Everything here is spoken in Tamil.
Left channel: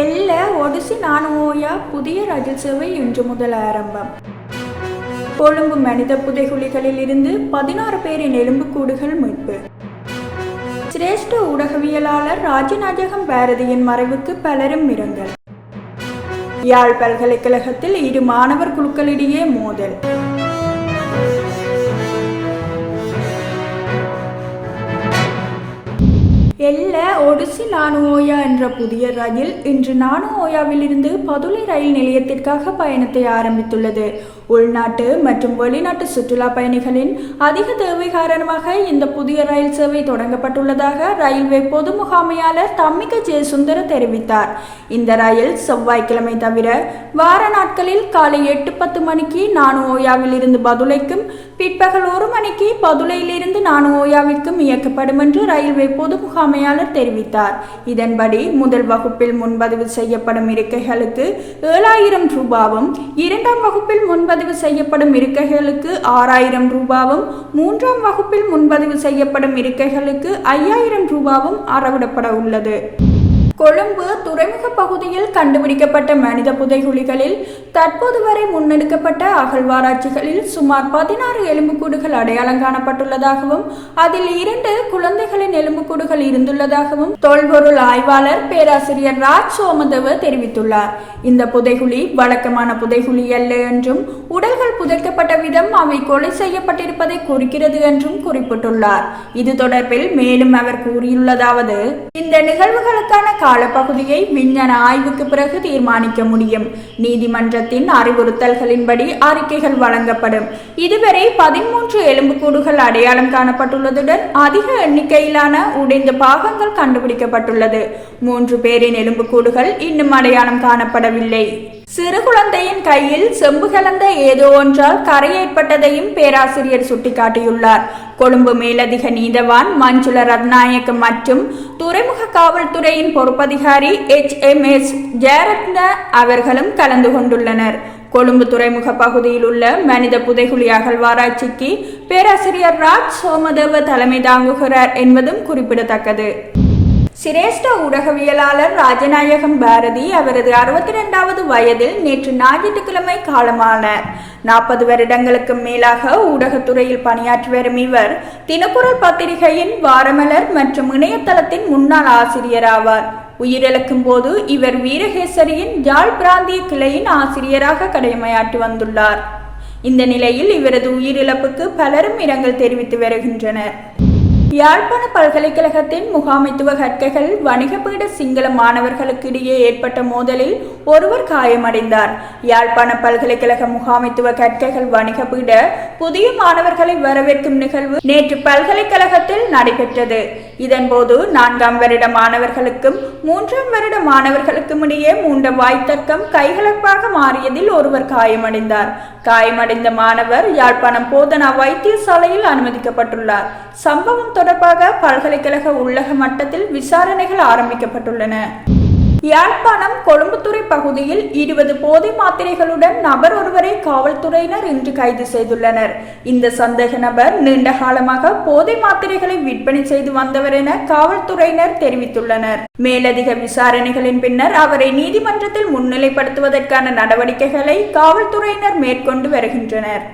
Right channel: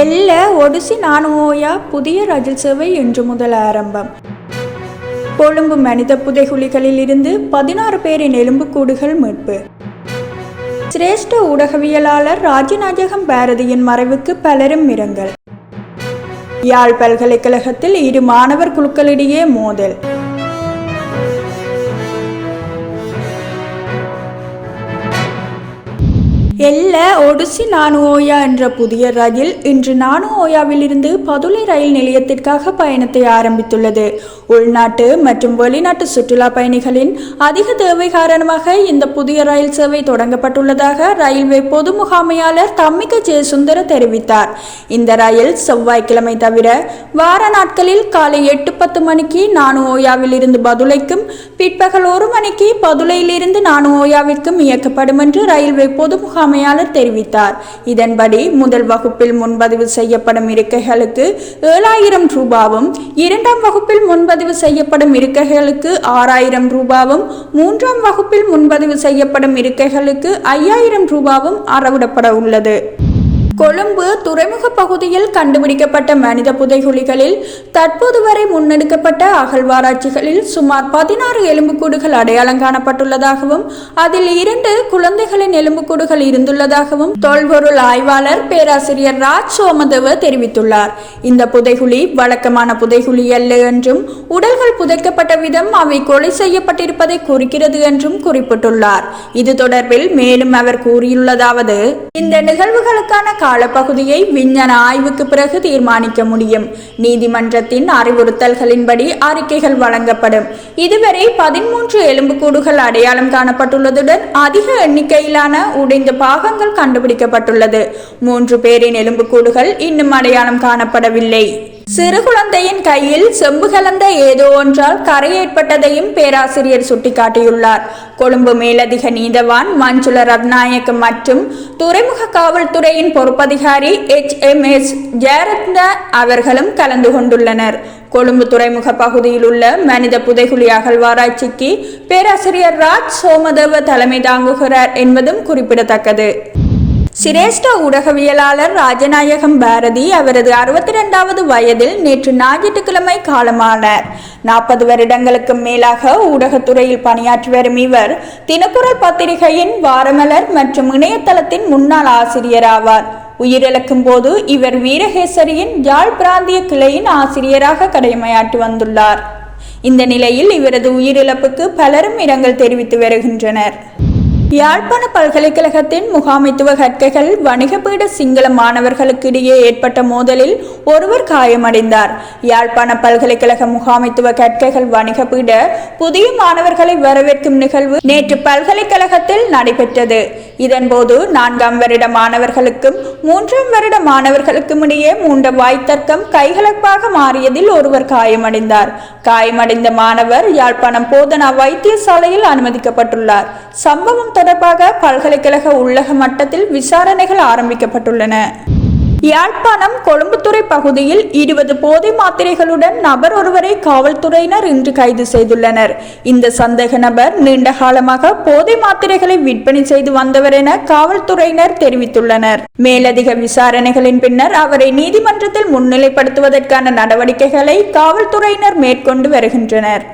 எல்ல ஒடிசி நானுஓயா புதிய ரயில் சேவை இன்று முதல் ஆரம்பம். கொழும்பு மனித புதைகுழிகளில் இருந்து 16 பேரின் எலும்புக்கூடுகள் மீட்பு. சிரேஷ்ட ஊடகவியலாளர் ராஜநாயகம் பாரதியின் மறைவுக்கு பலரும் இரங்கல். யாழ் பல்கலைக்கழகத்தில் இரு மாணவர் குழுக்களிடையே மோதல். எல்ல ஒடிசி நானுஓயா என்ற புதிய ரயில் இன்று நானுஓயாவில் இருந்து பதுளை ரயில் நிலையத்திற்காக பயணத்தை ஆரம்பித்துள்ளது. உள்நாட்டு மற்றும் வெளிநாட்டு சுற்றுலா பயணிகளின் அதிக தேவை காரணமாக இந்த புதிய ரயில் சேவை தொடங்கப்பட்டுள்ளதாக ரயில்வே பொது முகாமையாளர் தம்மிக ஜெயசுந்தர தெரிவித்தார். இந்த ரயில் செவ்வாய்க்கிழமை தவிர வார நாட்களில் காலை 8:10 மணிக்கு நானுஓயாவில் இருந்து பதுளைக்கும் பிற்பகல் 1 மணிக்கு பதுளையிலிருந்து நானுஓயாவிற்கும் இயக்கப்படும் என்று ரயில்வே பொது முகாமையாளர் தெரிவித்தார். இதன்படி முதல் வகுப்பில் முன்பதிவு செய்யப்படும் இருக்கைகளுக்கு 7,000 ரூபாவும், 2ஆம் வகுப்பில் முன்பதிவு செய்யப்படும் இருக்கைகளுக்கு 6,000 ரூபாவும், 3ஆம் வகுப்பில் முன்பதிவு செய்யப்படும் இருக்கைகளுக்கு 5,000 ரூபாவும் அறவிடப்பட உள்ளது. கொழும்பு துறைமுக பகுதியில் கண்டுபிடிக்கப்பட்ட மனித புதைகுழிகளில் தற்போது வரை முன்னெடுக்கப்பட்ட அகழ்வாராய்ச்சிகளில் சுமார் 16 எலும்புக்கூடுகள் அடையாளம் காணப்பட்டுள்ளதாகவும் அதில் 2 குழந்தைகளின் எலும்புக்கூடுகள் இருந்துள்ளதாகவும் தொல்பொருள் ஆய்வாளர் பேராசிரியர் ராஜ் சோமதேவ தெரிவித்துள்ளார். இந்த புதைகுழி வழக்கமான புதைகுழி அல்ல என்றும் உடல்கள் புதைக்கப்பட்ட விதம் அவை கொலை செய்யப்பட்டிருப்பதை குறிக்கிறது என்றும் குறிப்பிட்டுள்ளார். இது தொடர்பில் மேலும் அவர் கூறியுள்ளதாவது: இந்த நிகழ்வுகளுக்கான காலப்பகுதியை விஞ்ஞான ஆய்வுக்கு பிறகு தீர்மானிக்க முடியும். நீதிமன்றத்தின் அறிவுறுத்தல்களின்படி அறிக்கைகள் வழங்கப்படும். இதுவரை 13 எலும்புக்கூடுகள் அடையாளம் காணப்பட்டுள்ளதுடன் அதிக எண்ணிக்கையிலான உடைந்த பாகங்கள் கண்டுபிடிக்கப்பட்டுள்ளது. 3 பேரின் எலும்புக்கூடுகள் இன்னும் அடையாளம் காணப்படவில்லை. சிறு குழந்தையின் கையில் செம்பு கலந்த ஏதோ ஒன்றால் கரை ஏற்பட்டதையும் பேராசிரியர் சுட்டிக்காட்டியுள்ளார். கொழும்பு மேலதிக நீதவான் மஞ்சுள ரத்நாயக்க மற்றும் துறைமுக காவல்துறையின் பொறுப்பதிகாரி HMS ஜெயரத்ன அவர்களும் கலந்து கொண்டுள்ளனர். கொழும்பு துறைமுக பகுதியில் உள்ள மனித புதைகுழி அகழ்வாராய்ச்சிக்கு பேராசிரியர் ராஜ் சோமதேவ தலைமை தாங்குகிறார் என்பதும் குறிப்பிடத்தக்கது. சிரேஷ்ட ஊடகவியலாளர் ராஜநாயகம் பாரதி அவரது 62வது வயதில் நேற்று ஞாயிற்றுக்கிழமை காலமானார். 40 வருடங்களுக்கு மேலாக ஊடகத்துறையில் பணியாற்றி வரும் இவர் தினக்குரல் பத்திரிகையின் வாரமலர் மற்றும் இணையதளத்தின் முன்னாள் ஆசிரியர் ஆவார். உயிரிழக்கும் போது இவர் வீரகேசரியின் யாழ் பிராந்திய கிளையின் ஆசிரியராக கடமையாற்றி வந்துள்ளார். இந்த நிலையில் இவரது உயிரிழப்புக்கு பலரும் இரங்கல் தெரிவித்து வருகின்றனர். யாழ்ப்பாண பல்கலைக்கழகத்தின் முகாமைத்துவ கற்கைகள் வணிகபீட சிங்கள மாணவர்களுக்கு இடையே ஏற்பட்ட மோதலில் ஒருவர் காயமடைந்தார். யாழ்ப்பாண பல்கலைக்கழக முகாமைத்துவ கற்கைகள் வணிகபீட புதிய மாணவர்களை வரவேற்கும் நிகழ்வு நேற்று பல்கலைக்கழகத்தில் நடைபெற்றது. இதன்போது 4ஆம் வருட மாணவர்களுக்கும் 3ஆம் வருட மாணவர்களுக்கும் இடையே மூண்ட வாய்த்தர்க்கம் கைகலப்பாக மாறியதில் ஒருவர் காயமடைந்தார். காயமடைந்த மாணவர் யாழ்ப்பாணம் போதனா வைத்தியசாலையில் அனுமதிக்கப்பட்டுள்ளார். சம்பவம் தொடர்பாக பல்கலைக்கழக உள்ளக மட்டத்தில் விசாரணைகள் ஆரம்பிக்கப்பட்டுள்ளன. யாழ்ப்பாணம் கொழும்புத்துறை பகுதியில் 20 போதை மாத்திரைகளுடன் நபர் ஒருவரை காவல்துறையினர் இன்று கைது செய்துள்ளனர். இந்த சந்தேக நபர் நீண்ட காலமாக போதை மாத்திரைகளை விற்பனை செய்து வந்தவர் என காவல்துறையினர் தெரிவித்துள்ளனர். மேலதிக விசாரணைகளின் பின்னர் அவரை நீதிமன்றத்தில் முன்னிலைப்படுத்துவதற்கான நடவடிக்கைகளை காவல்துறையினர் மேற்கொண்டு வருகின்றனர்.